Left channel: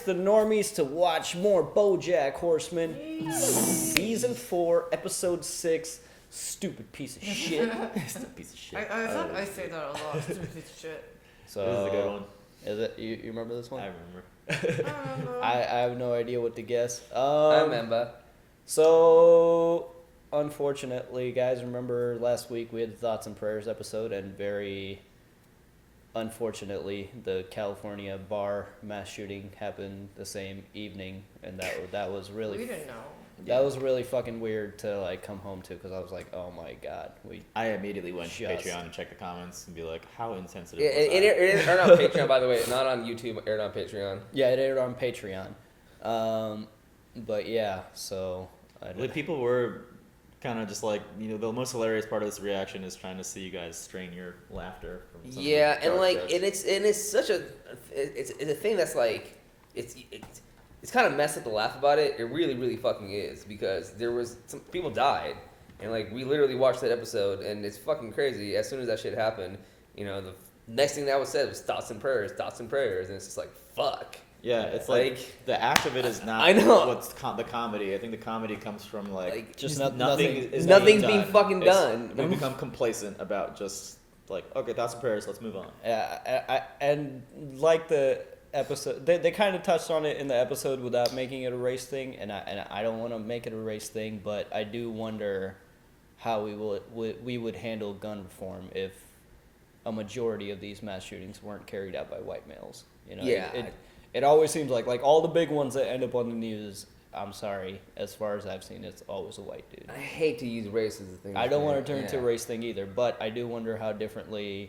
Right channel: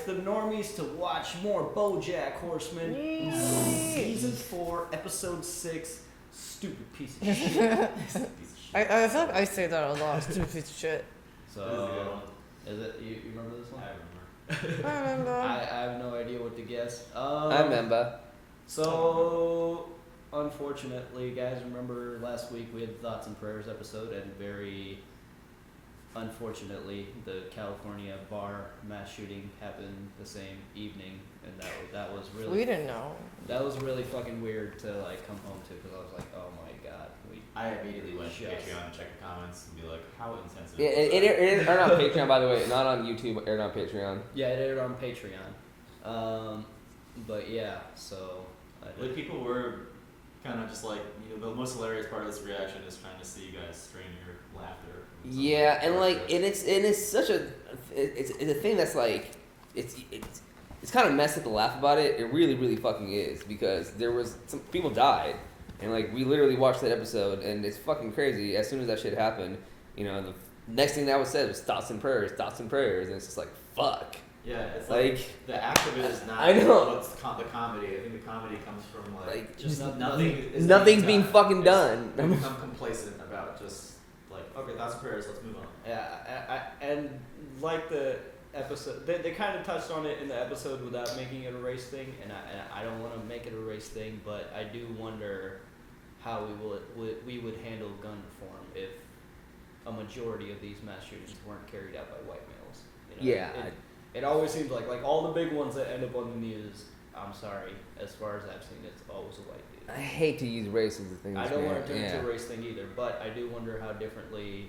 the Normies to watch more BoJack Horseman. Season 4, Episode 6. Stupid piece of shit. Piece of shit. I thought I say that a lot. Stupid piece of shit. So, This is a good one. Is it? You remember this one? I remember. I don't know. I have no idea what to guess. I remember. So, unfortunately, guys, remember last week we had the Thoughts and Prayers episode, and very unfortunately, the California bar mass shooting happened the same evening, and that was really We didn't know. that was really fucking weird to like come home to, because I was like, oh my god, I immediately went to Just- Patreon and checked the comments and be like, how insensitive Yeah, was it that? aired on Patreon, by the way, not on YouTube. Aired on Patreon. yeah, it aired on Patreon, but yeah, so The people were kind of just like, the most hilarious part of this reaction is trying to see you guys strain your laughter. from some Yeah, and dark like, jokes. it's such a, it's a thing that's like, it's kind of messed up to laugh about it. It really, really fucking is, because there was some people died, and like we literally watched that episode, and it's fucking crazy. As soon as that shit happened, the next thing that was said was thoughts and prayers, and it's just like fuck. Yeah, it's like the act of it is not I know. what's the comedy. I think the comedy comes from like just nothing's being fucking done. We become complacent about just like, okay, thoughts and prayers, let's move on. Yeah, and like the episode, they kind of touched on it in the episode without making it a race thing, and I don't want to make it a race thing, but I do wonder how we would handle gun reform if a majority of these mass shootings weren't carried out by white males. Yeah. It always seems like all the big ones that end up on the news, I'm sorry, as far as I've seen, it's always a white dude. I hate to use race as a thing. I don't want to turn into a race thing either, but I do wonder how differently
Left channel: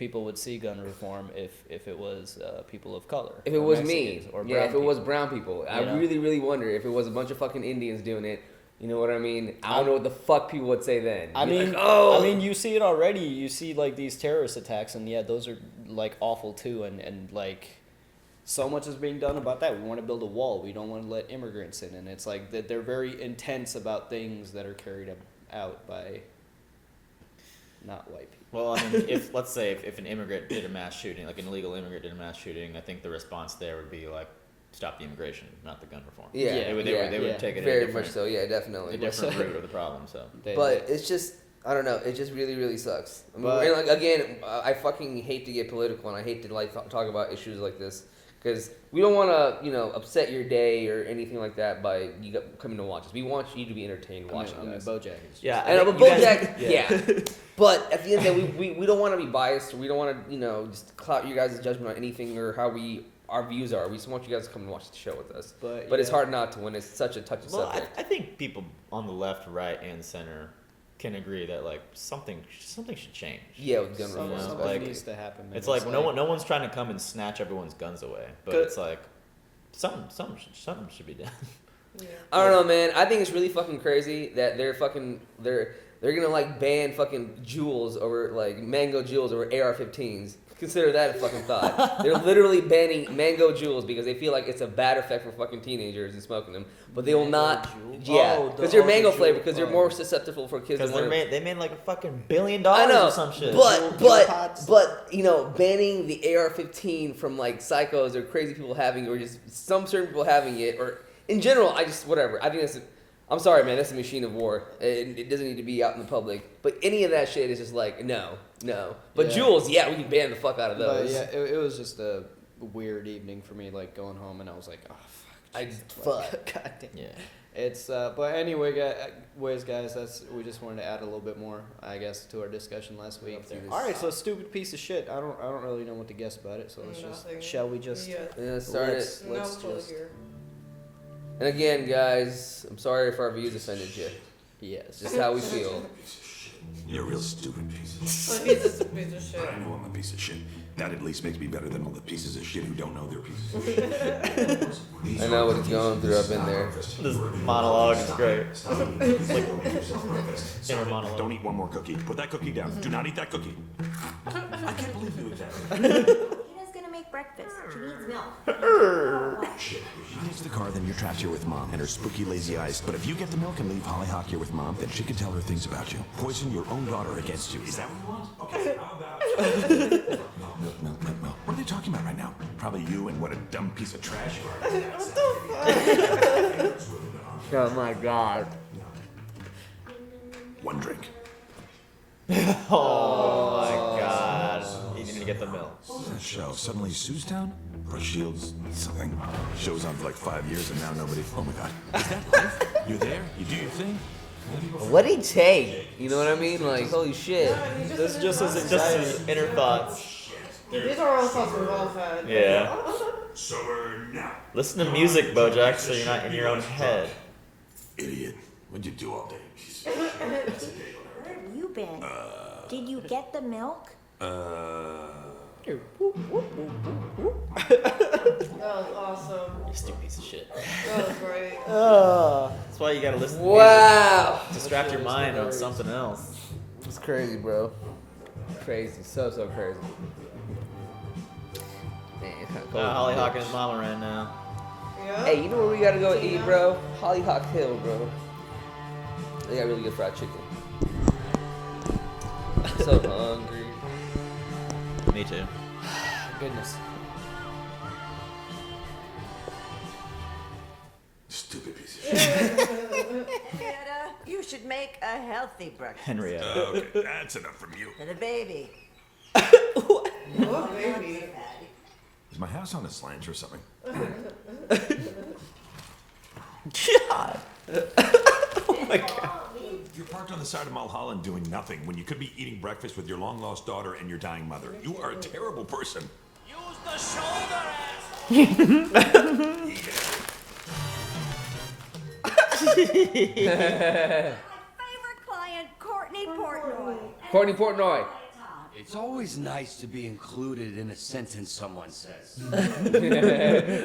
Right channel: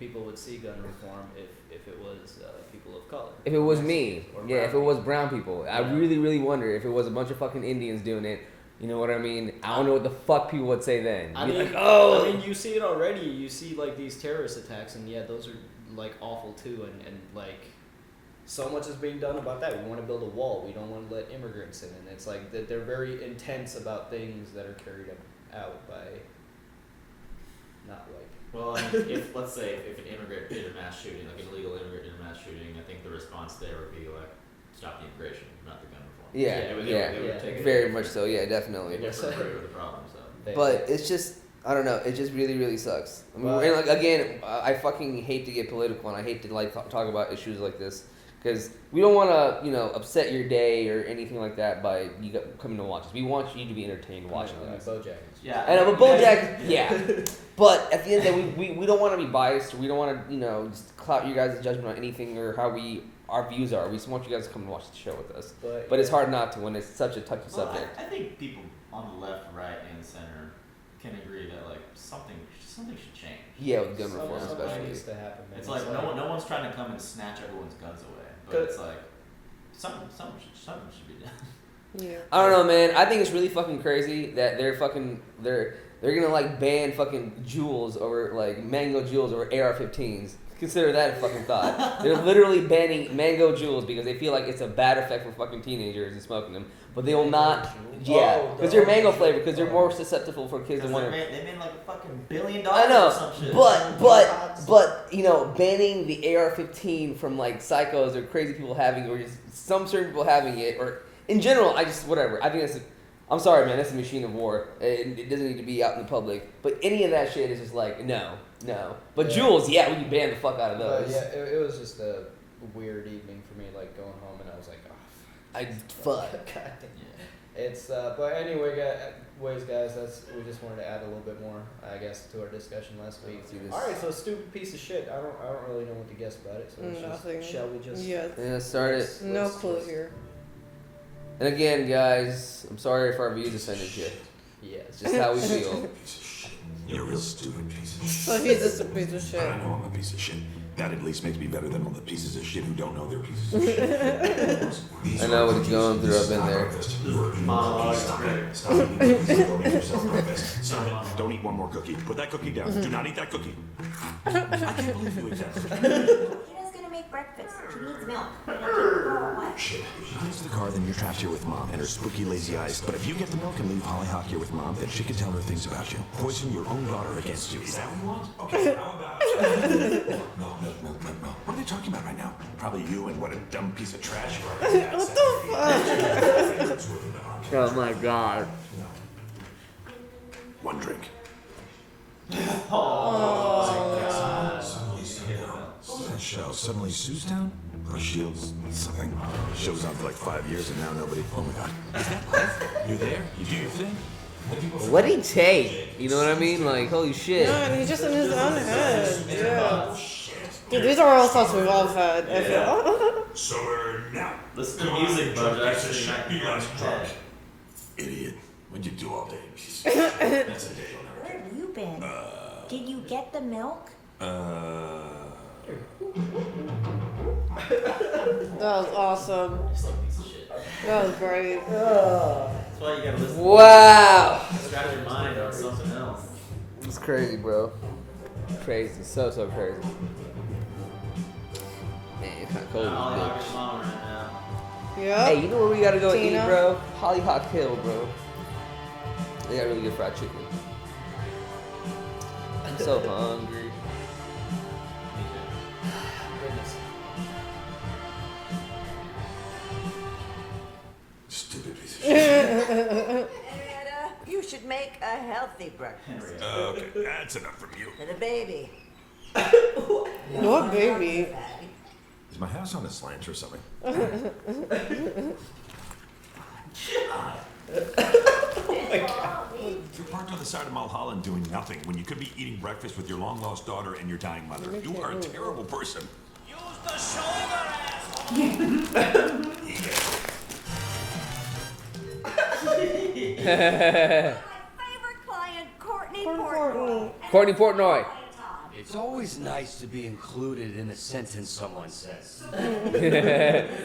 people would see gun reform if it was people of color. If it was Mexicans, me, or yeah, brown if it was people. brown people. I Yeah. really, really wonder if it was a bunch of fucking Indians doing it. You know what I mean? I don't know what the fuck people would say then. I mean, you see it already. You see like these terrorist attacks, and yeah, those are like awful too, and like so much is being done about that. We want to build a wall. We don't want to let immigrants in, and it's like that they're very intense about things that are carried out by not white. Well, I mean, let's say if an immigrant did a mass shooting, like an illegal immigrant did a mass shooting, I think the response there would be like, stop the immigration, not the gun reform. Yeah, They would take it very much so. Yeah, definitely. a different route of the problem. So But it's just, I don't know. It just really, really sucks. I mean, But- and like, again, I fucking hate to get political, and I hate to like talk about issues like this, because we don't want to, upset your day or anything like that by you coming to watch us. We want you to be entertained watching us. BoJack. yeah, I know, but you guys- BoJack, yeah. But at the end of the day, we don't want to be biased. We don't want to, just clout you guys' judgment on anything or how our views are. We just want you guys to come and watch the show with us. But it's hard not to when it's such a touchy subject. I think people on the left, right, and center can agree that like something should change. Yeah, with gun reform Something especially. needs to happen. Man. It's like no one's trying to come and snatch everyone's guns away, but it's like something should be done. Yeah. I don't know, man. I think it's really fucking crazy that they're gonna like ban fucking jewels over like mango jewels over AR-15s. Consider that a fucking thought. They're literally banning mango jewels because they feel like it's a bad effect for fucking teenagers and smoking them. But they will not. Yeah, Oh, because they're mango the flavored. Because they're more susceptible for kids. Because to wanna- they made like a fucking $1 billion I know, or some shit. but banning the AR-15 from like psychos or crazy people having, or just some certain people having it, or in general, whatever. I think I'm sorry, man. That's a machine of war. It doesn't need to be out in the public. But any of that shit is just like no. But Yeah. jewels, yeah, we can ban the fuck out of But those. yeah, it was just a weird evening for me, like going home, and I was like, oh fuck. God damn. Yeah. It's but anyway, guys, we just wanted to add a little bit more, I guess, to our discussion last week. All right, so stupid piece of shit. I don't really know what to guess about it. So Nothing. shall we just? Yeah. Start it. No clue here. And again, guys, I'm sorry if our views offended you. Yes. It's just how we feel. You're a real stupid piece of shit. So he's just a piece of shit. I know I'm a piece of shit. That at least makes me better than all the pieces of shit who don't know they're pieces of shit. I know what he's going through. I've been there. This monologue is great. Don't eat one more cookie. Put that cookie down. Do not eat that cookie. I can't believe you ate that. Tina's gonna make breakfast. She needs milk. She takes the car, then you're trapped here with Mom and her spooky lazy eyes. But if you get the milk and leave Hollyhock here with Mom, then she can tell her things about you. Poison your own daughter against you. Is that what you want? Okay, how about... Milk. What are they talking about right now? Probably you and what a dumb piece of trash you are. Oh my god. One drink. Oh my god. He's gonna get the milk. That show, suddenly Sue's down? Or Shields, something. Show's on for like 5 years and now nobody. Oh my god. Is that life? You're there, you do your thing. What'd he take? You know what I mean? Like, holy shit. No, he's just in his own head. Inner thoughts. Dude, these are all thoughts we've all had. Yeah. Summer now. Listen to music, BoJack, so you're not in your own head. Idiot. What'd you do all day? Where have you been? Did you get the milk? That was awesome. Still piece of shit. That was great. That's why you gotta listen. Wow. Distract your mind on something else. It's crazy, bro. Crazy. So crazy. Man, it's kinda cold. Hollyhock and Mama right now. Yep. Hey, you know where we gotta go Tina. eat, bro? Hollyhock Hill, bro. They got really good fried chicken. I'm so hungry. Me too. Goodness. Stupid piece of shit. Henrietta, you should make a healthy breakfast Henrietta. Okay, that's enough from you. for the baby. What baby? Is my house on a slant or something? You're parked on the side of Mulholland doing nothing when you could be eating breakfast with your long-lost daughter and your dying mother. You are a terrible person. Use the shoulder, ass! Favorite client, Courtney Portnoy. Courtney Portnoy. It's always nice to be included in a sentence someone says. Courtney,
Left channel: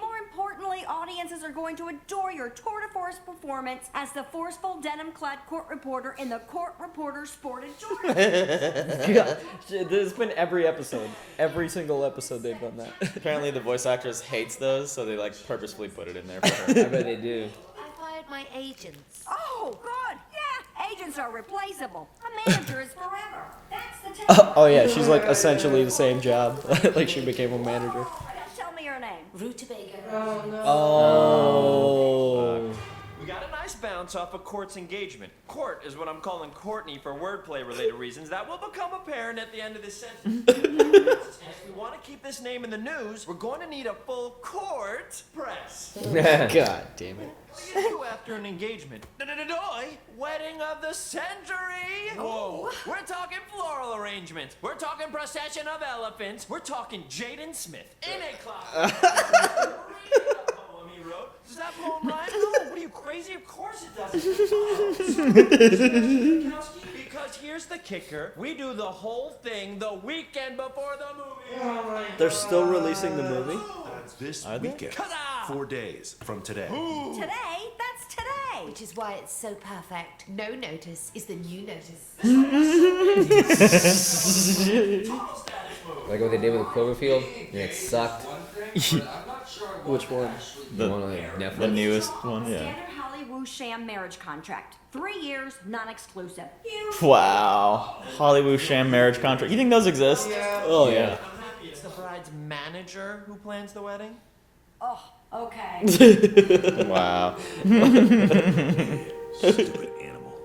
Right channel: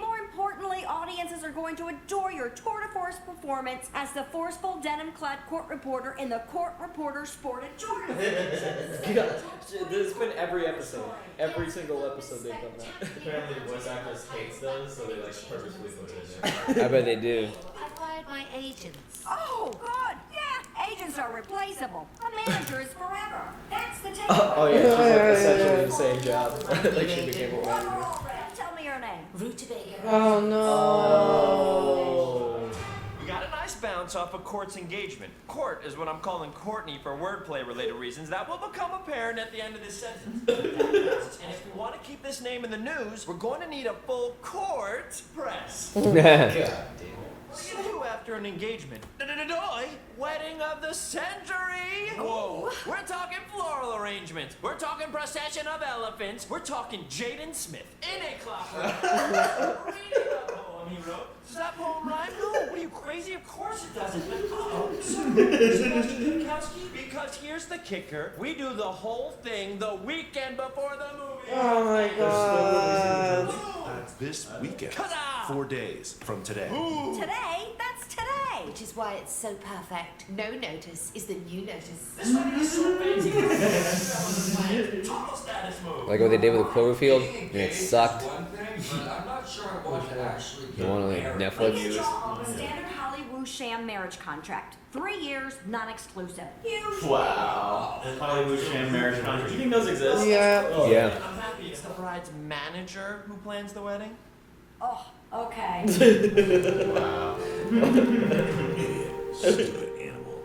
more importantly, audiences are going to adore your tour de force performance as the forceful denim-clad court reporter in the Court Reporter Sport and Journal. Yeah, this has been every episode. Every single episode they've done that. Apparently the voice actress hates those, so they like purposefully put it in there for her. I bet they do. I fired my agents. Oh, good. Yeah, agents are replaceable. A manager is forever. That's the take. Oh yeah, she's like essentially the same job. Like she became a manager. Tell me your name. Rutabaga. Oh no. Oh. We got a nice bounce off of Court's engagement. Court is what I'm calling Courtney for wordplay-related reasons that will become apparent at the end of this sentence. And if we want to keep this name in the news, we're going to need a full court press. God damn it. What do you do after an engagement? Wedding of the century! Whoa! We're talking floral arrangements. We're talking procession of elephants. We're talking Jaden Smith in a closet. Poem he wrote. Does that poem rhyme? No. What are you, crazy? Of course it doesn't. Because here's the kicker. We do the whole thing the weekend before the movie. Oh my god. They're still releasing the movie? This weekend. Ta-da! 4 days from today. Today? That's today. Which is why it's so perfect. No notice is the new notice. Like what they did with the Cloverfield? And it sucked. Which one? The one on The Netflix. newest one, yeah. Standard Hollywood sham marriage contract. 3 years, non-exclusive. Wow. Hollywood sham marriage contract. You think those exist? Yeah. Oh Yeah. I'm happy it's the bride's manager who plans the wedding. Oh, okay. Wow. Stupid animal.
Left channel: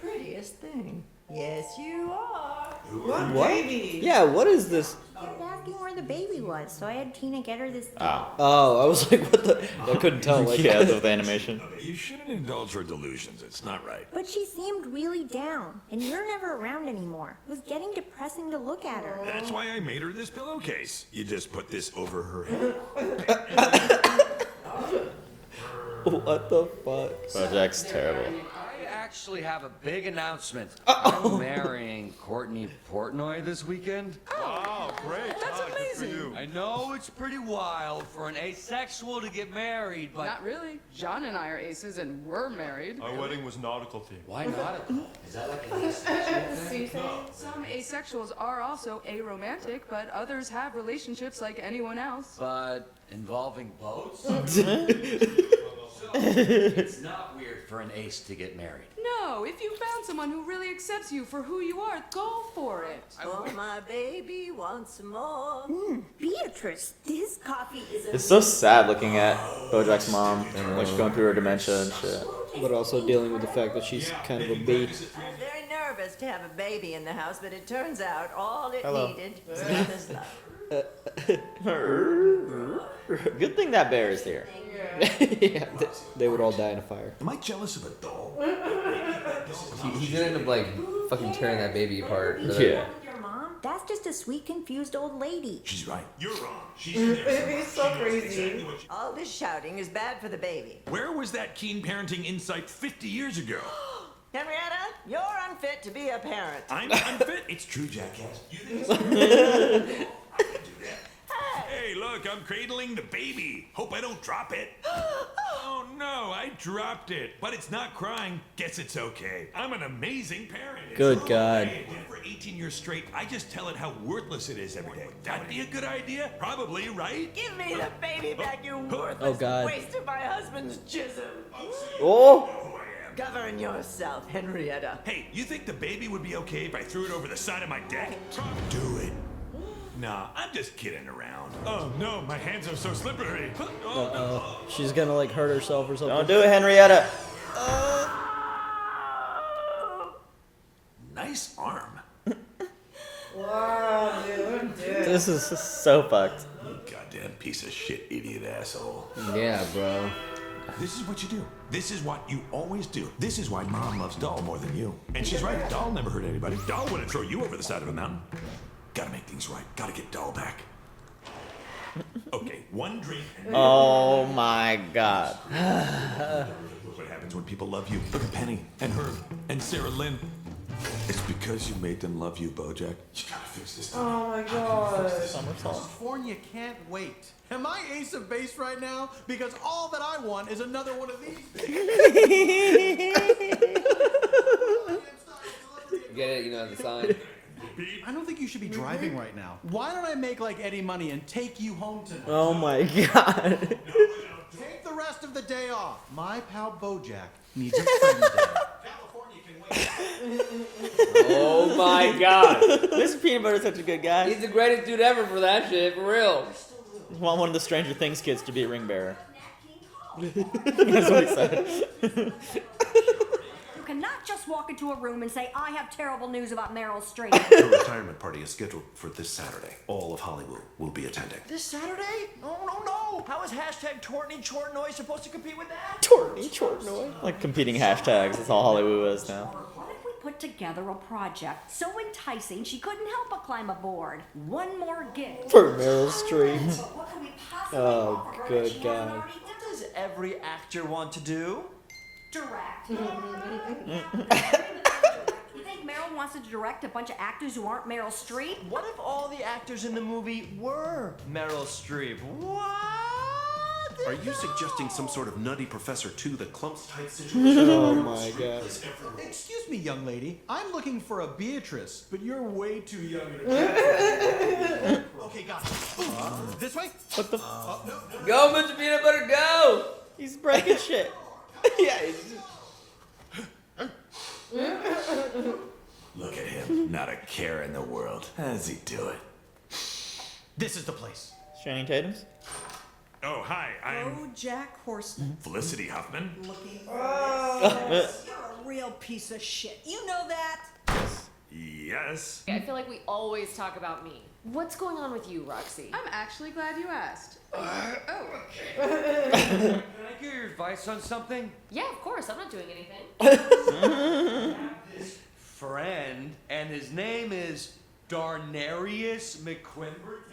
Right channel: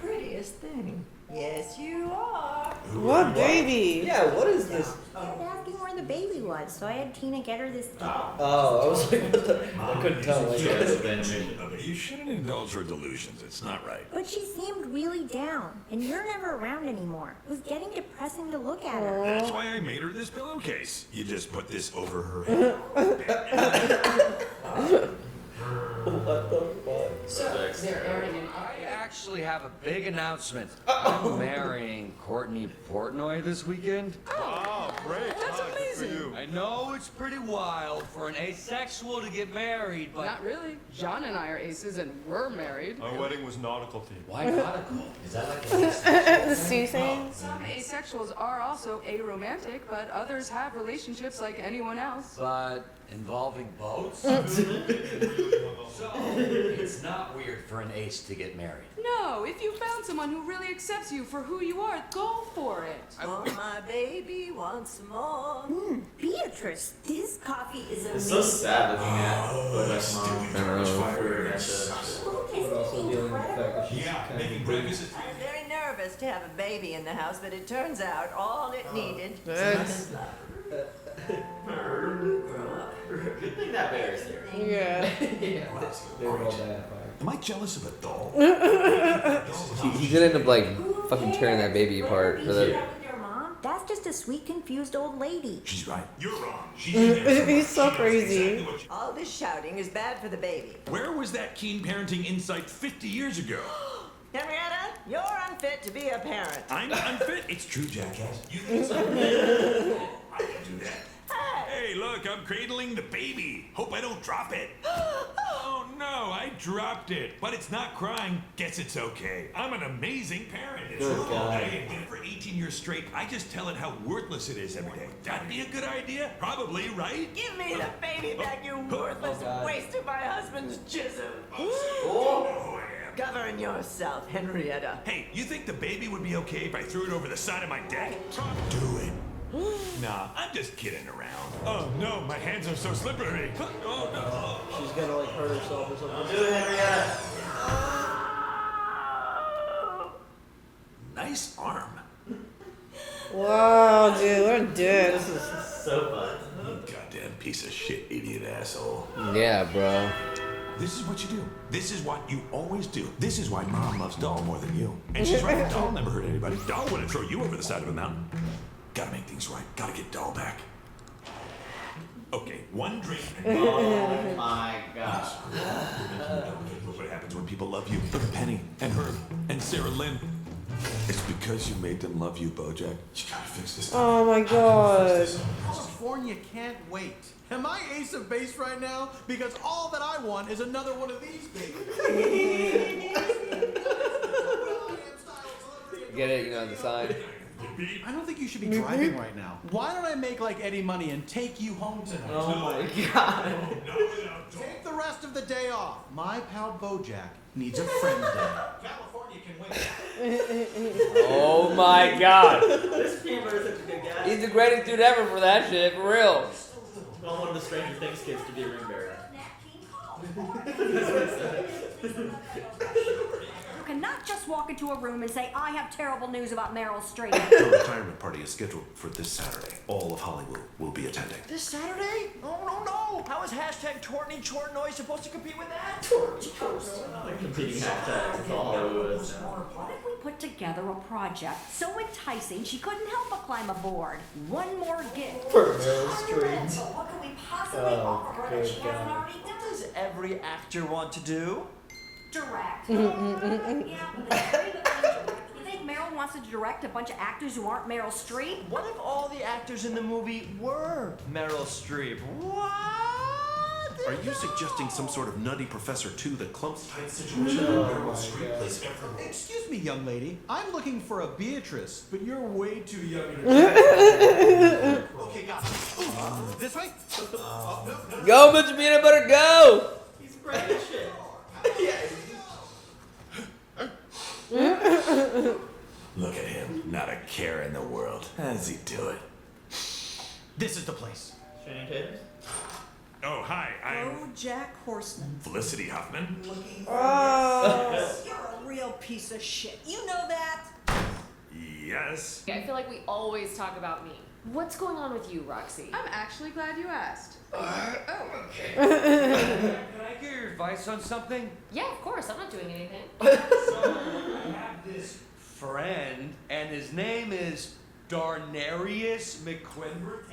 Prettiest thing. Yes, you are. What baby? Yeah, what is this? I kept asking where the baby was, so I had Tina get her this thing. Oh, I was like, what the? I couldn't tell. Like, Yeah, with animation. You shouldn't indulge her delusions. It's not right. But she seemed really down, and you're never around anymore. It was getting depressing to look at her. That's why I made her this pillowcase. You just put this over her head. what the fuck? BoJack's terrible. I actually have a big announcement. I'm marrying Courtney Portnoy this weekend. Wow, great. That's amazing. I know it's pretty wild for an asexual to get married, but Not really. John and I are aces and we're married. Our wedding was nautical themed. why not? The sea thing? Some asexuals are also aromantic, but others have relationships like anyone else. But involving boats? It's not weird for an ace to get married. No, if you found someone who really accepts you for who you are, go for it. Oh, my baby wants more. Beatrice, this coffee is It's so sad looking at BoJack's mom when she's going through her dementia and shit. But also dealing with the fact that she's kind of a baby. I was very nervous to have a baby in the house, but it turns out all it needed was love. Good thing that bear is here. Yeah. Yeah, they would all die in a fire. Am I jealous of a doll? He could end up like fucking tearing that baby apart. For that. Yeah. your mom. That's just a sweet, confused old lady. She's right. You're wrong. He's so crazy. All this shouting is bad for the baby. Where was that keen parenting insight 50 years ago? Henrietta, you're unfit to be a parent. I'm unfit. It's true, jackass. You think so? I can do that. Hey, look, I'm cradling the baby. Hope I don't drop it. Oh no, I dropped it. But it's not crying. Guess it's okay. I'm an amazing parent. Good It's God. okay. And for 18 years straight, I just tell it how worthless it is every day. That'd be a good idea? Probably, right? Give me the baby back, you worthless God. waste of my husband's jism. Oh! Govern yourself, Henrietta. Hey, you think the baby would be okay if I threw it over the side of my deck? Do it. Nah, I'm just kidding around. Oh no, my hands are so slippery. Oh no. She's gonna like hurt herself or something. Don't do it, Henrietta. Nice arm. Wow, dude, we're dead. This is So fucked. You goddamn piece of shit, idiot asshole. Yeah, bro. This is what you do. This is what you always do. This is why Mom loves Doll more than you. And she's right. Doll never hurt anybody. Doll wouldn't throw you over the side of a mountain. Gotta make things right. Gotta get Doll back. Okay, one drink. Oh my god. Look what happens when people love you. Look at Penny and Herb and Sarah Lynn. It's because you made them love you, BoJack. You gotta fix this. Oh my god. California can't wait. Am I ace of base right now? Because all that I want is another one of these. Get it? You know, the sign. I don't think you should be driving right now. Why don't I make like Eddie Money and take you home tonight? Oh my god. Take the rest of the day off. My pal BoJack needs a friend day. California can wait. Oh my god. This peanut butter is such a good guy. He's the greatest dude ever for that shit, for real. I want one of the Stranger Things kids to be a ring bearer. That's what he said. You cannot just walk into a room and say, I have terrible news about Meryl Streep. Her retirement party is scheduled for this Saturday. All of Hollywood will be attending. This Saturday? Oh, no. How is hashtag Tortney Chortnoy supposed to compete with that? Tortney Chortnoy. Like competing hashtags. That's all Hollywood is now. What if we put together a project so enticing she couldn't help but climb aboard? One more gift. For Meryl Streep. What can we possibly Oh, offer her good that she hasn't God. already done? What does every actor want to do? Direct. You think Meryl wants to direct a bunch of actors who aren't Meryl Streep? What if all the actors in the movie were Meryl Streep? What? Are you suggesting some sort of nutty Professor 2 that clumps tight situation? Oh my god. Excuse me, young lady. I'm looking for a Beatrice, but you're way too young. Okay, got it. This way? Go, Mr. Peanut Butter, go! He's breaking shit. Look at him. Not a care in the world. How does he do it? This is the place. Channing Tatum's? Oh, hi. I'm BoJack Horseman. Felicity Huffman. You're a real piece of shit. You know that? Yes. I feel like we always talk about me. What's going on with you, Roxy? I'm actually glad you asked. Oh. Can I get your advice on something? Yeah, of course. I'm not doing anything. This friend, and his name is Darnarius McQuimberton.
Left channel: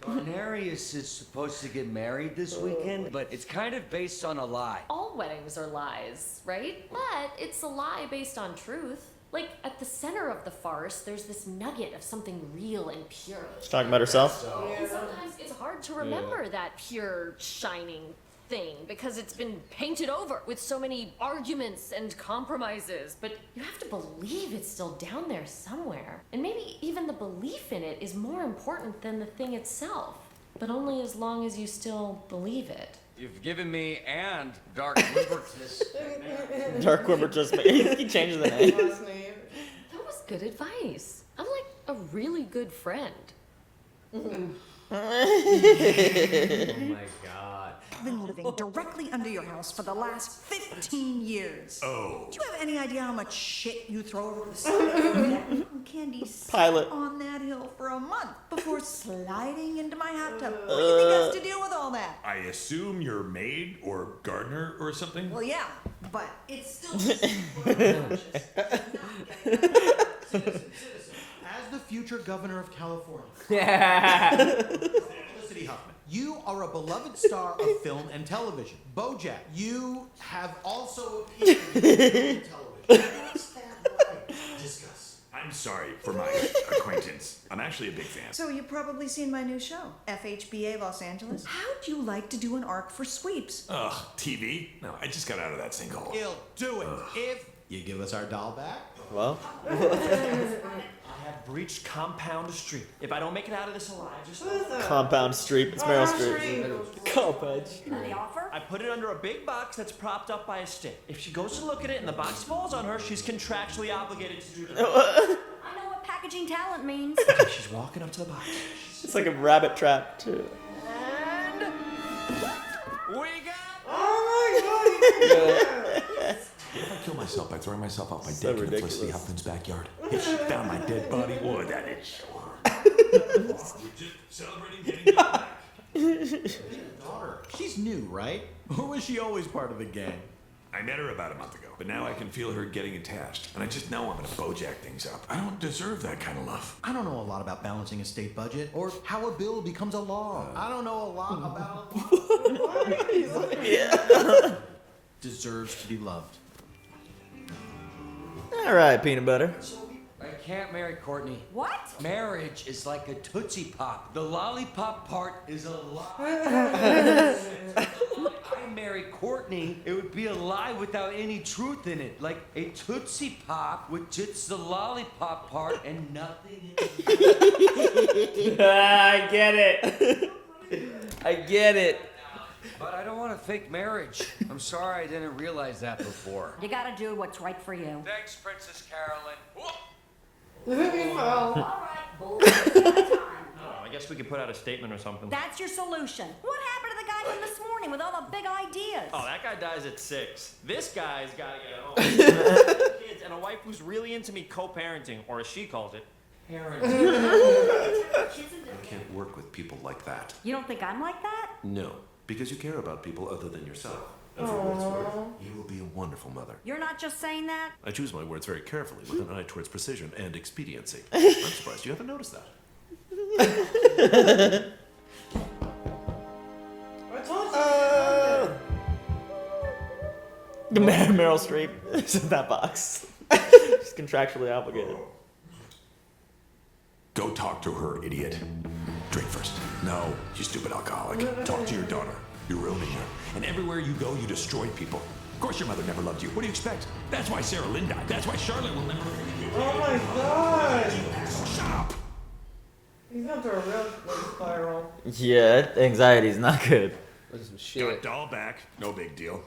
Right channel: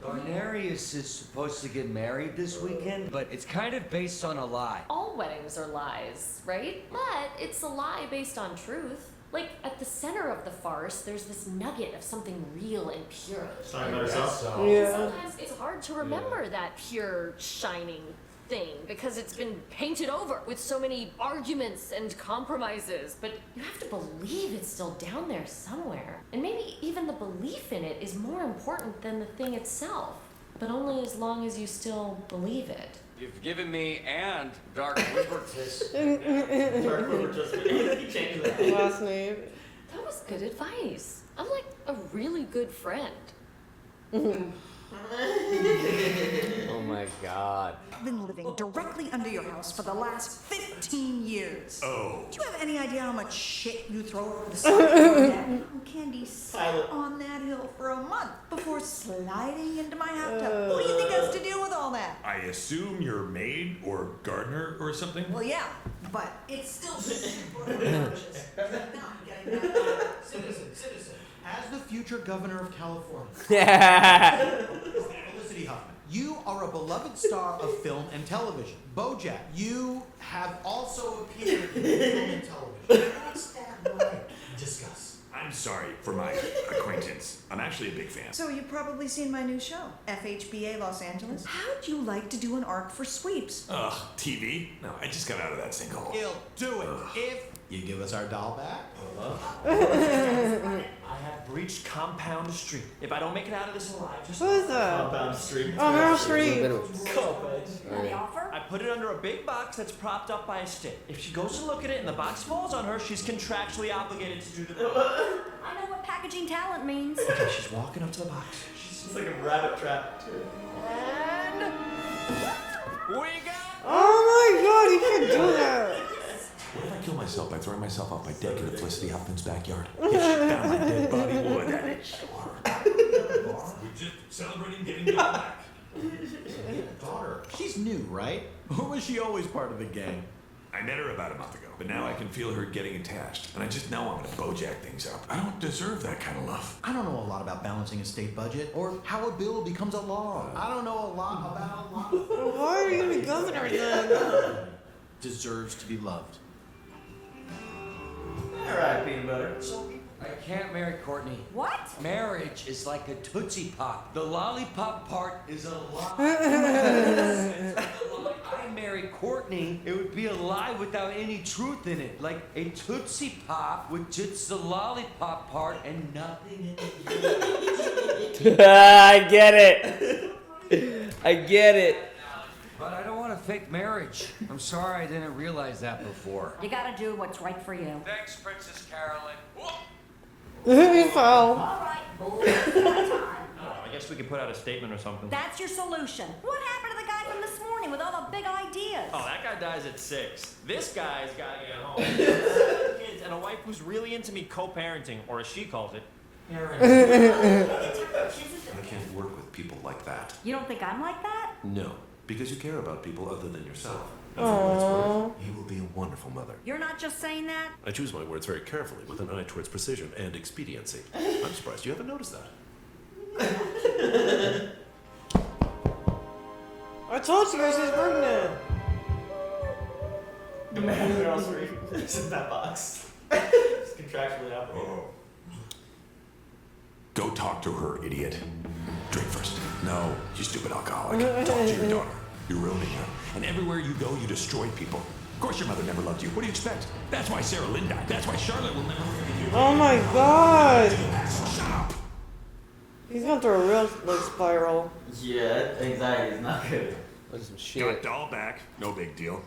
Darnarius is supposed to get married this weekend, but it's kind of based on a lie. All weddings are lies, right? But it's a lie based on truth. Like, at the center of the farce, there's this nugget of something real and pure. She's talking about herself? And sometimes it's hard to remember that pure, shining thing because it's been painted over with so many arguments and compromises. But you have to believe it's still down there somewhere. And maybe even the belief in it is more important than the thing itself. but only as long as you still believe it. You've given me and Dark Wimpertus. Dark Wimpertus. He changed the name. Last name. That was good advice. I'm like a really good friend. Oh my god. I've been living directly under your house for the last 15 years. Oh. Do you have any idea how much shit you throw over the side? Candy sat on that hill for a month before sliding into my hot tub. Who do you think has to deal with all that? I assume you're maid or gardener or something? Well, yeah, but it's still As the future governor of California, Felicity Huffman, you are a beloved star of film and television. BoJack, you have also appeared in film and television. What's that like? Discuss. I'm sorry for my acquaintance. I'm actually a big fan. So you've probably seen my new show, FHBA Los Angeles. How'd you like to do an arc for sweeps? Ugh, TV? No, I just got out of that sinkhole. He'll do it if you give us our doll back. Well, I have breached Compound Street. If I don't make it out of this alive, just Compound Street. It's Oh, Meryl Streep. Streep. And the offer? I put it under a big box that's propped up by a stick. If she goes to look at it and the box falls on her, she's contractually obligated to do the I know what packaging talent means. Okay, she's walking up to the box. It's like a rabbit trap, too. And we got. Oh my god, you can do that. What if I kill myself by throwing myself off my deck into Felicity Huffman's backyard? If she found my dead body, boy, that'd show her. We're just celebrating getting you back. Daughter, she's new, right? Or was she always part of the gang? I met her about a month ago, but now I can feel her getting attached, and I just know I'm gonna BoJack things up. I don't deserve that kind of love. I don't know a lot about balancing a state budget or how a bill becomes a law. I don't know a lot about Why are you the governor? deserves to be loved. All right, peanut butter. I can't marry Courtney. What? Marriage is like a Tootsie Pop. The lollipop part is a lie. I marry Courtney, it would be a lie without any truth in it. Like a Tootsie Pop with just the lollipop part and nothing in it. I get it. I get it. But I don't want a fake marriage. I'm sorry I didn't realize that before. You gotta do what's right for you. Thanks, Princess Carolyn. He fell. Oh, I guess we could put out a statement or something. That's your solution. What happened to the guy from this morning with all the big ideas? Oh, that guy dies at 6. This guy's gotta get home. Kids and a wife who's really into me co-parenting, or as she calls it, I can't work with people like that. You don't think I'm like that? No, because you care about people other than yourself. And for what it's worth, you will be a wonderful mother. You're not just saying that? I choose my words very carefully with an eye towards precision and expediency. I'm surprised you haven't noticed that. I told you I was Meryl Streep is in that box. She's contractually obligated. Go talk to her, idiot. Drink first. No, you stupid alcoholic. Talk to your daughter. You're ruining her. And everywhere you go, you destroy people. Of course your mother never loved you. What do you expect? That's why Sarah Lynn died. That's why Charlotte will never forgive you. Oh my god. So shut up. He's going through a real big spiral. Yeah, anxiety's not good. There's some shit. Got doll back. No big deal.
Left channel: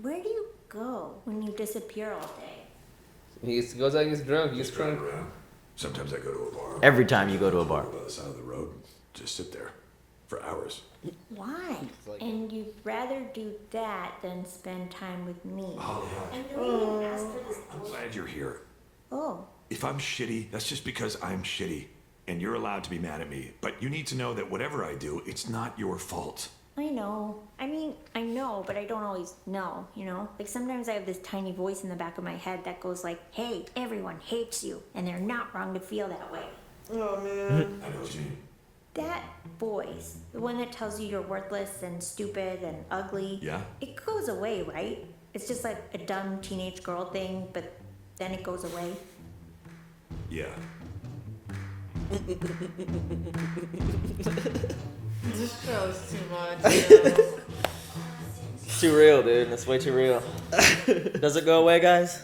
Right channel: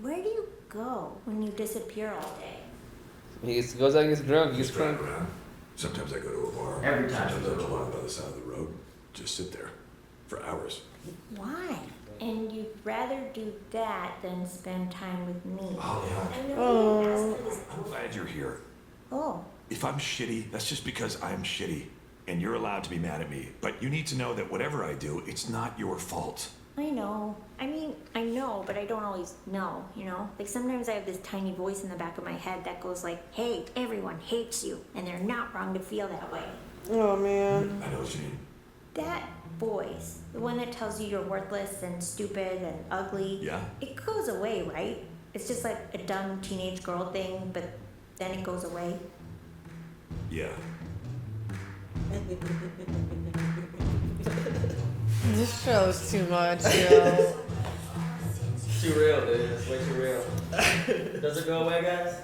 Where do you go when you disappear all day? He goes out and gets drunk. He gets Just driving drunk. around. Sometimes I go to a bar. Every time you go to a bar. By the side of the road. Just sit there. For hours. Why? And you'd rather do that than spend time with me. Oh, I know you asked for this. I'm glad you're here. Oh. If I'm shitty, that's just because I'm shitty. And you're allowed to be mad at me. But you need to know that whatever I do, it's not your fault. I know. I mean, I know, but I don't always know, you know? Like, sometimes I have this tiny voice in the back of my head that goes like, hey, everyone hates you, and they're not wrong to feel that way. Oh, man. I know what you mean. That voice, the one that tells you you're worthless and stupid and ugly, Yeah? it goes away, right? It's just like a dumb teenage girl thing, but then it goes away. Yeah. This show is too much, yo. It's too real, dude. That's way too real. Does it go away, guys?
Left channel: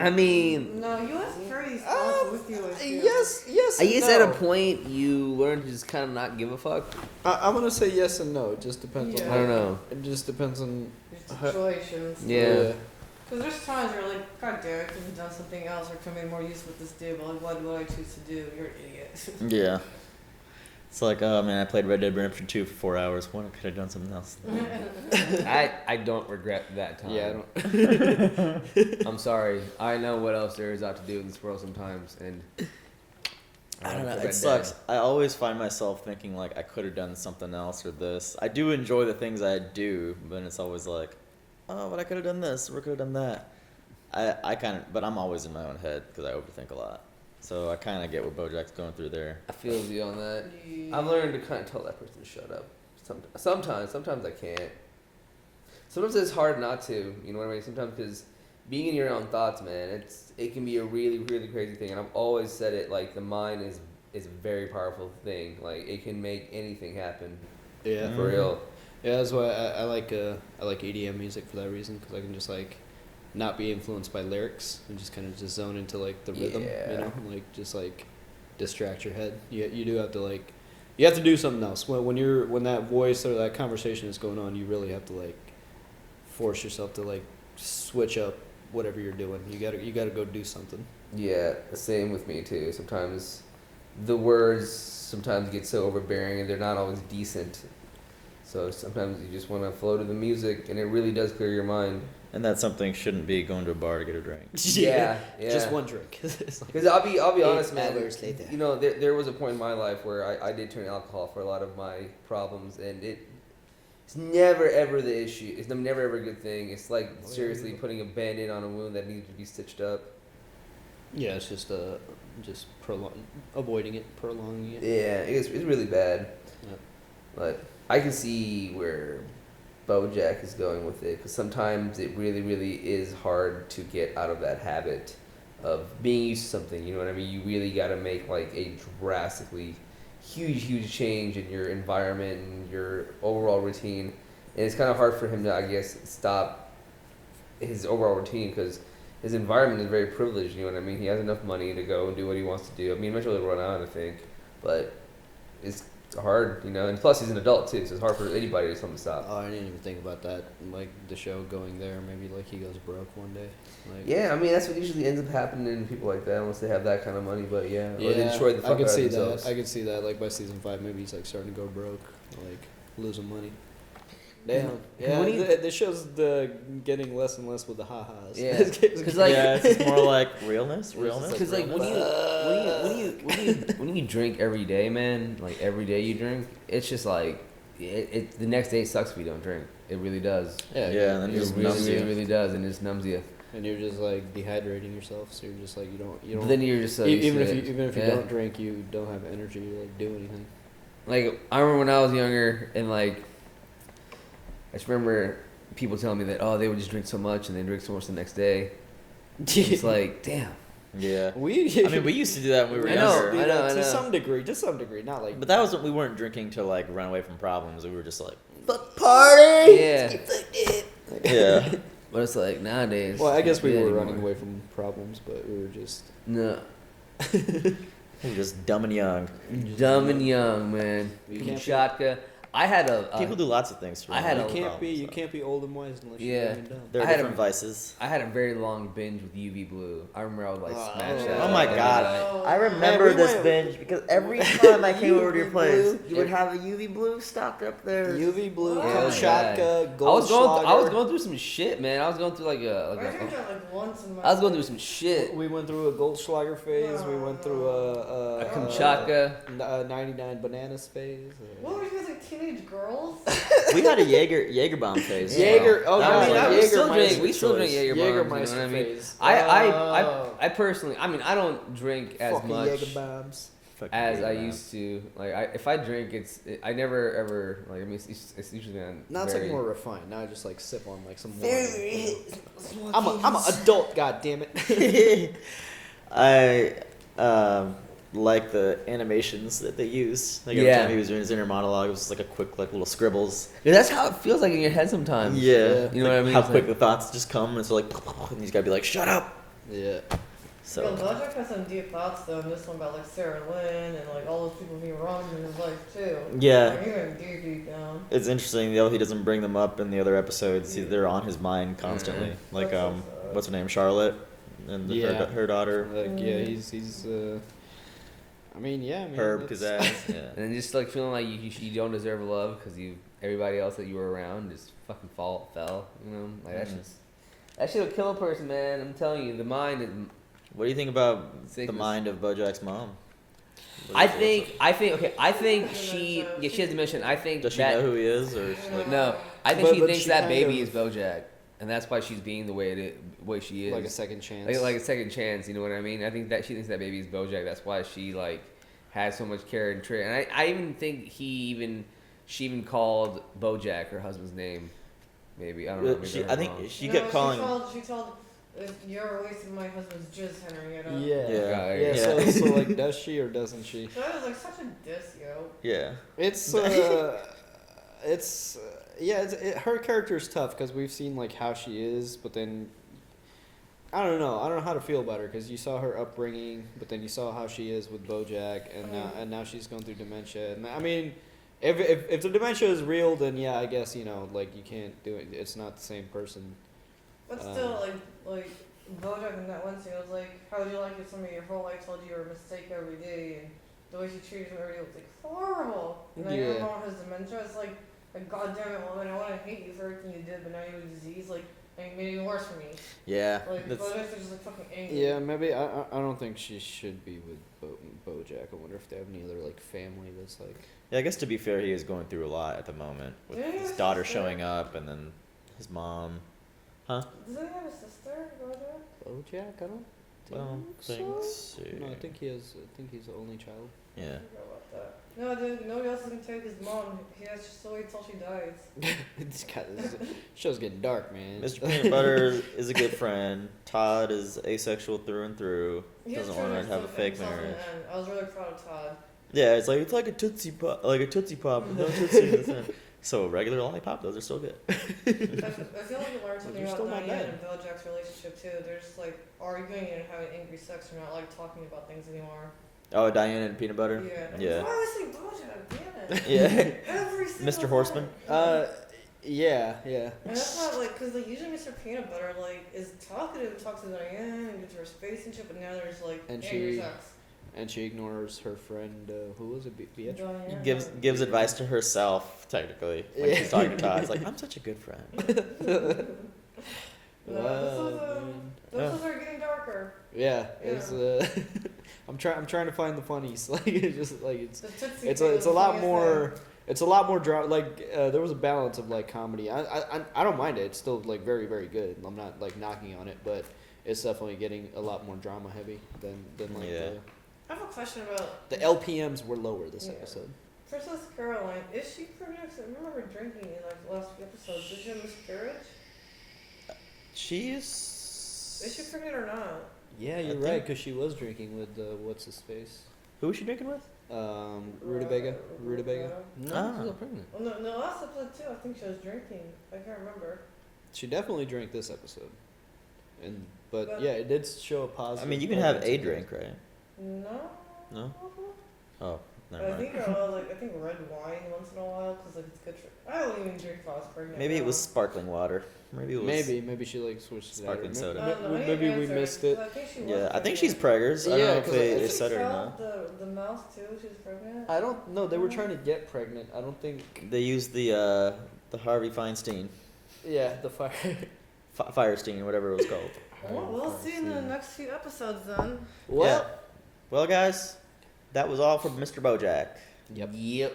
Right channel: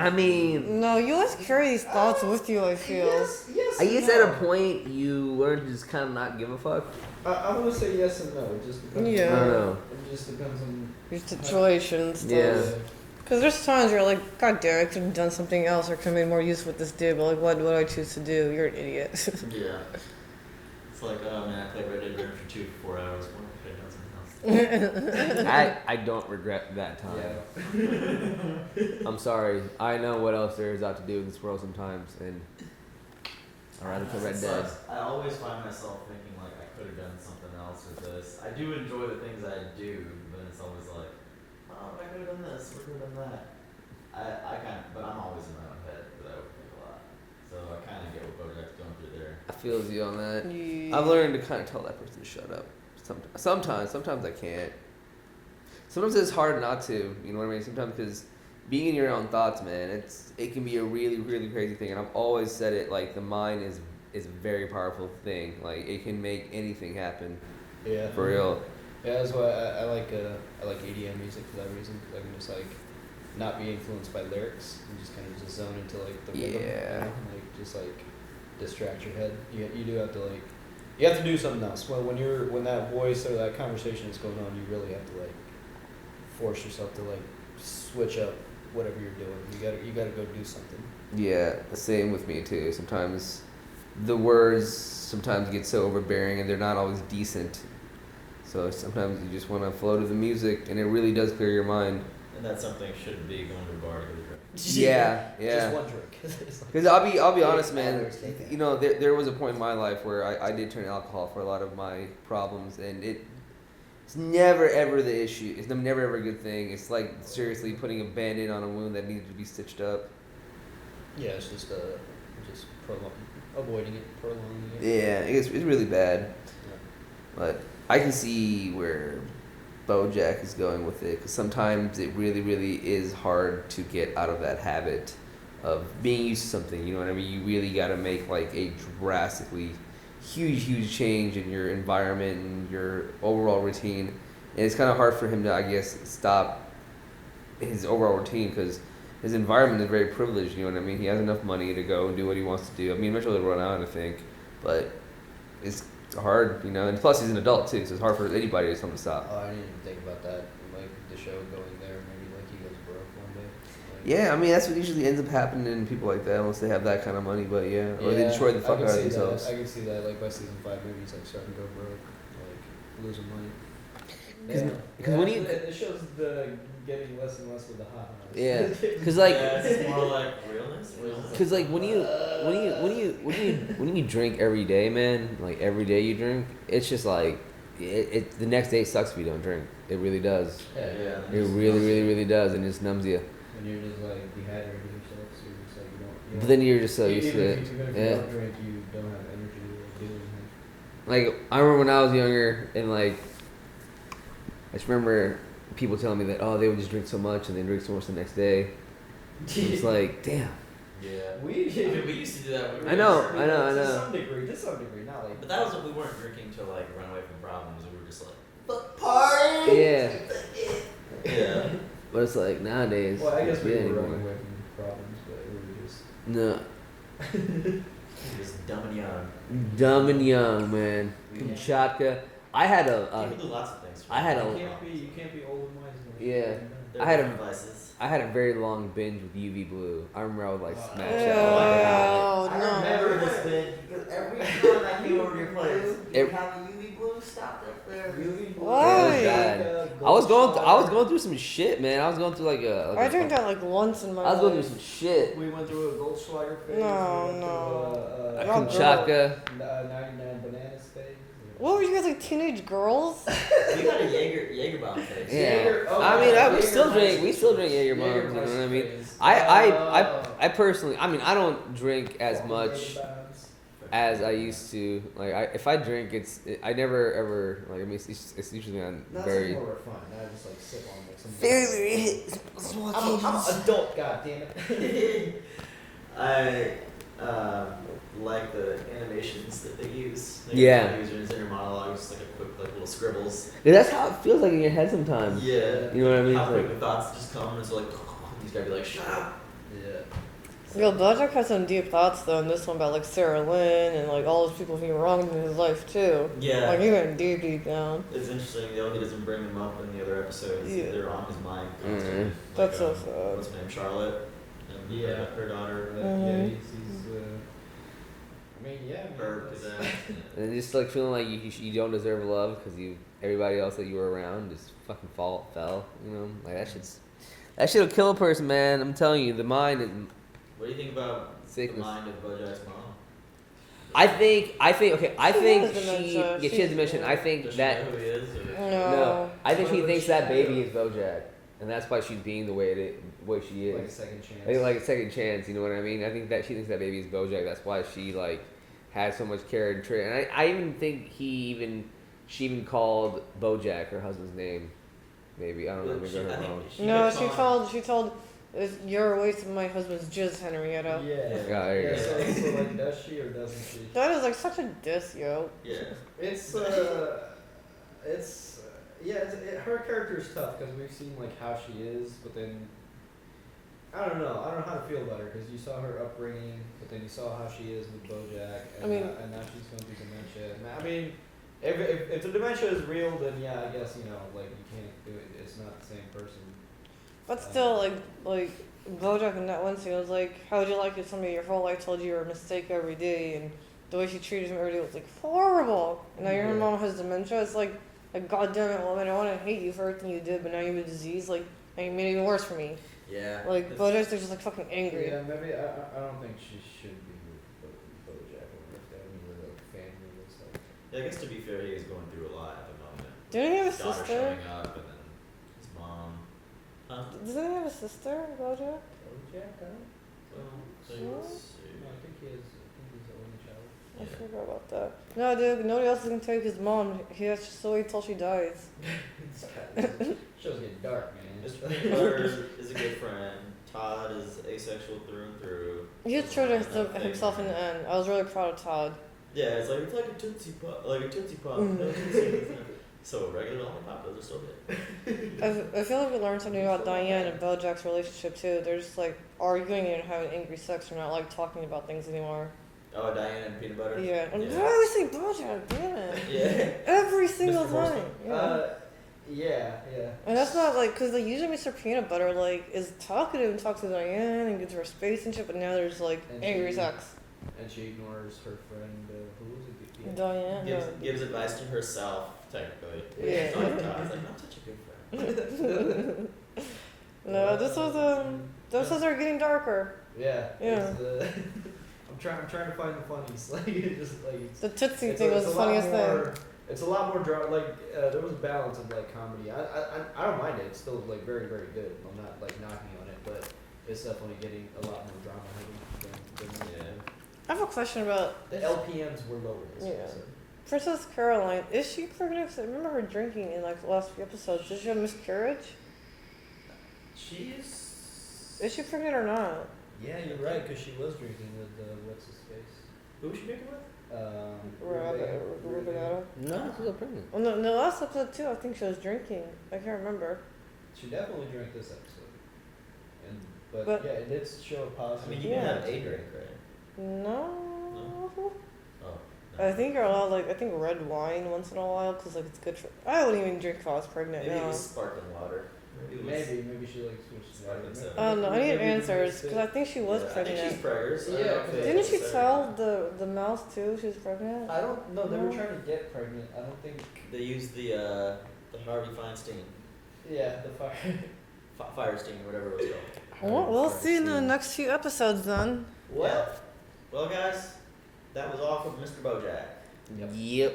I mean, No, you always carry these thoughts with you, I feel. Yes. I guess no. at a point you learn to just kind of not give a fuck. I'm gonna say yes and no. It just depends. Yeah. I don't know. It just depends on Your situations. Yeah. Because there's times where you're like, God damn, I could have done something else or could have made more use with this dude, but like, what would I choose to do? You're an idiot. Yeah. It's like, oh man, I played Red Dead Redemption 2 for 4 hours. Why could I have done something else? I don't regret that time. Yeah. I'm sorry. I know what else there is out to do in this world sometimes, and I don't know. Red It Dead. sucks. I always find myself thinking like I could have done something else with this. I do enjoy the things I do, but it's always like, oh, but I could have done this. Or could have done that. I kind of, but I'm always in my own head because I overthink a lot. So I kind of get what BoJack's going through there. I feel you on that. Yeah. I've learned to kind of tell that person to shut up. Sometimes I can't. Sometimes it's hard not to. You know what I mean? Sometimes because being in your own thoughts, man, it can be a really, really crazy thing. And I've always said it, like the mind is a very powerful thing. Like it can make anything happen. Yeah. For real. Yeah, that's why I like EDM music for that reason because I can just like not be influenced by lyrics and just kind of just zone into like the rhythm, Yeah. you know, and, like just like distract your head. You do have to like you have to do something else. Well, when that voice or that conversation is going on, you really have to like force yourself to like switch up whatever you're doing. You gotta go do something. Yeah, the same with me too. Sometimes the words get so overbearing and they're not always decent. So sometimes you just want to flow to the music, and it really does clear your mind. And that something shouldn't be going to a bar to get a drink. Yeah. Just one drink. Because I'll be honest, man. You know, there was a point in my life where I did turn to alcohol for a lot of my problems, and it's never ever the issue. It's never ever a good thing. It's like seriously putting a band-aid on a wound that needed to be stitched up. Yeah, it's just avoiding it, prolonging it. Yeah, it's really bad. Yeah. But I can see where BoJack is going with it, because sometimes it really, really is hard to get out of that habit of being used to something. You know what I mean? You really got to make like a drastically huge change in your environment and your overall routine. And it's kind of hard for him to, I guess, stop his overall routine because his environment is very privileged. You know what I mean? He has enough money to go and do what he wants to do. I mean, eventually he'll run out, I think, but it's hard, you know, and plus he's an adult too, so it's hard for anybody to tell him to stop. Oh, I didn't even think about that. Like the show going there, maybe like he goes broke one day. Like, Yeah, I mean that's what usually ends up happening in people like that, unless they have that kind of money. But yeah, or they destroy the fuck out of themselves. I can see that. Like by season 5, maybe he's like starting to go broke, like losing money. Damn. Yeah, the show's getting less and less with the ha-has. Yeah, because like it's more like realness. Because like when you drink every day, man, like every day you drink, it's just like it the next day sucks if you don't drink. It really does. Yeah. It really does, and it just numbs you. And you're just like dehydrating yourself, so you're just like you don't. But then you're just so used even to if it. you don't drink, you don't have energy to like do anything. Like I remember when I was younger, and like I just remember people telling me that they would just drink so much and they drink so much the next day. It's like, damn. Yeah. I mean, we used to do that when we were I know. younger. To some degree, not like. But that was we weren't drinking to like run away from problems. We were just like, fuck party. Yeah. Yeah. But it's like nowadays. Well, I guess we yeah, were anymore. running away from problems, but we were just. No. You're just dumb and young. Dumb and young, man. You can't Kamchatka. I had a. People do lots of things. You can't be old and wise unless Yeah. you're dumb. There are I had different vices. I had a very long binge with UV Blue. I remember I would like smash that. Oh my god. I remember this binge because every time I came over to your place, you would have a UV Blue stocked up there. UV Blue, Why? Goldschlager, I was going through some shit, man. I was going through I drank that like once in my I was going through life. some shit. We went through a Goldschlager phase. No, we went through A Kamchatka. 99 bananas phase. What were you guys like, teenage girls? We got a Jaeger bomb phase. Jaeger. Oh, I mean, Jaeger we still drink Jaeger bombs. You know Meister what I mean? phase. I personally, I mean, I don't drink as Fucking much Jaeger bombs. as I used to. Like, if I drink, I never ever like. I mean, it's usually Not very. something more refined. Not just like sip on like some. Very. I'm an adult. God damn it. I like the animations that they use. Like Yeah. he was doing his inner monologue. It was just like a quick, like little scribbles. Yeah, that's how it feels like in your head sometimes. Yeah. You know what I mean? How It's quick like- the thoughts just come, and it's like, and he's got to be like, shut up. Yeah. So, Yo, BoJack has some deep thoughts though in this one about like Sarah Lynn and like all those people being wrong in his life too. Yeah. Like he went deep down. it's interesting though he doesn't bring them up in the other episodes. Yeah. They're on his mind constantly. Mm-hmm. Like That's so sad. what's her name, Charlotte, and Yeah. her daughter, Yeah, he's I mean, yeah, man. Herb that's- Kazaz. Yeah. And then just like feeling like you don't deserve love because everybody else that you were around just fucking fell. You know, like that shit'll kill a person, man. I'm telling you, the mind is. What do you think about Sickness. the mind of BoJack's mom? I think she dementia. she has dementia. I think Does she that know who he is? Or no, I think But- she but thinks she that kind baby of- is BoJack, and that's why she's being the way she is. Like a second chance. Like a second chance, you know what I mean? I think that she thinks that baby is BoJack. That's why she like has so much care and trait. And I even think she even called BoJack her husband's name. Maybe I don't know. Maybe I think she No, kept calling. she told you're wasting my husband's jizz, Henrietta. Yeah. Yeah. So like, does she or doesn't she? That is like such a diss, yo. Yeah. It's her character is tough because we've seen like how she is, but then I don't know how to feel about her because you saw her upbringing, but then you saw how she is with BoJack, and now she's going through dementia. And I mean, if the dementia is real, then yeah, I guess like you can't do it. It's not the same person. But still, like BoJack in that one scene was like, how would you like if somebody your whole life told you you're a mistake every day, and the way she treated him every day was like horrible. Now your Yeah. mom has dementia. It's like goddamn it, woman, I want to hate you for everything you did, but now you have a disease. Like, and you made it even worse for me. Yeah. Like BoJack's just like fucking angry. Yeah, maybe I don't think she should be with BoJack. I wonder if they have any other like family that's like. Yeah, I guess to be fair, he is going through a lot at the moment. With Didn't he have his a daughter sister? showing up, and then his mom. Huh? Doesn't he have a sister, BoJack? BoJack, I don't. Well, let's see. No, I think he's the only child. I forgot about that. No, dude, nobody else is gonna take his mom. He has to wait till she dies. This show's getting dark, man. Mr. Peanut Butter is a good friend. Todd is asexual through and through. He has Doesn't true wanna to have a fake himself in marriage. the end. I was really proud of Todd. Yeah, it's like a Tootsie Pop, with no Tootsie in the end. So a regular lollipop, those are still good. I feel like we learned something about Diane and BoJack's relationship too. They're just like arguing and having angry sex. They're not like talking about things anymore. Oh, Diane and Peanut Butter? Yeah. And Yeah. why always say BoJack? Damn it. Yeah. Every single Mr. Horseman? time. Yeah. And that's not like, because like usually Mr. Peanut Butter like is talkative and talks to Diane and gives her space and shit, but now there's like And angry she- sex. And she ignores her friend. Who was it? Beatrice? Diane. Gives advice to herself, technically. When she's talking to Todd, it's like, I'm such a good friend. No, this was are getting darker. Yeah. Yeah. It's, I'm trying to find the funnies. Like it's just like it's. The Tootsie It's thing was a the lot funniest more. It's a lot more like there was a balance of like comedy. I don't mind it. It's still like very very good. I'm not like knocking on it, but it's definitely getting a lot more drama heavy than like I have a question about the LPMs were lower this episode. Princess Caroline. Is she pregnant? 'Cause I remember her drinking in like the last few episodes. Did she have miscarriage? She's. Is she pregnant or not? Yeah, you're right, because she was drinking with what's his face. Who was she drinking with? Rutabaga. No, she's not pregnant. Well, no, in the last episode too, I think she was drinking. I can't remember. She definitely drank this episode, but But- yeah, it did show a positive. I mean, you can have a drink, right? No. No? Oh. I think you're allowed I think red wine once in a while because like it's good for. I wouldn't even drink if I was pregnant. Maybe now. it was sparkling water. Maybe it was. Maybe she like switched it out. Sparkling soda. I don't know. I need Maybe we answers missed it. because I think she was. Yeah, I think pregnant. she's preggers. I don't know if Didn't they she said it or tell not. the mouse too? She was pregnant. I don't know. They were trying to get pregnant. I don't think. They used the Harvey Feinstein. Yeah, the fire. Firestein, whatever it was called. Well, we'll see in the next few episodes then. Yeah. Well, guys, that was all from Mr. BoJack. Yep.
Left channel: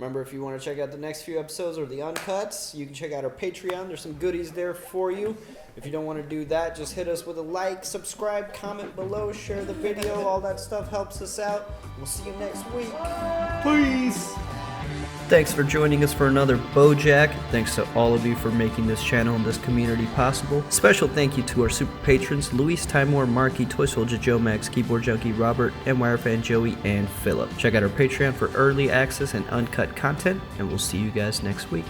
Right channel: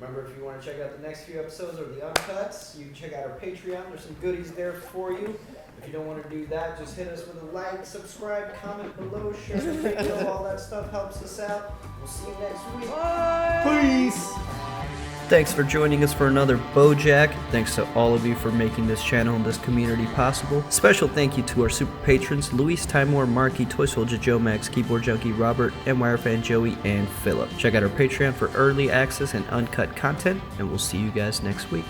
Remember, if you want to check out the next few episodes or the uncuts, you can check out our Patreon. There's some goodies there for you. If you don't want to do that, just hit us with a like, subscribe, comment below, share the video. All that stuff helps us out. We'll see you next week. Peace. Thanks for joining us for another BoJack. Thanks to all of you for making this channel and this community possible. Special thank you to our super patrons, Luis, Timor, Marky, Toy Soldier, Joe Max, Keyboard Junkie, Robert, MWire Fan, Joey, and Philip. Check out our Patreon for early access and uncut content, and we'll see you guys next week.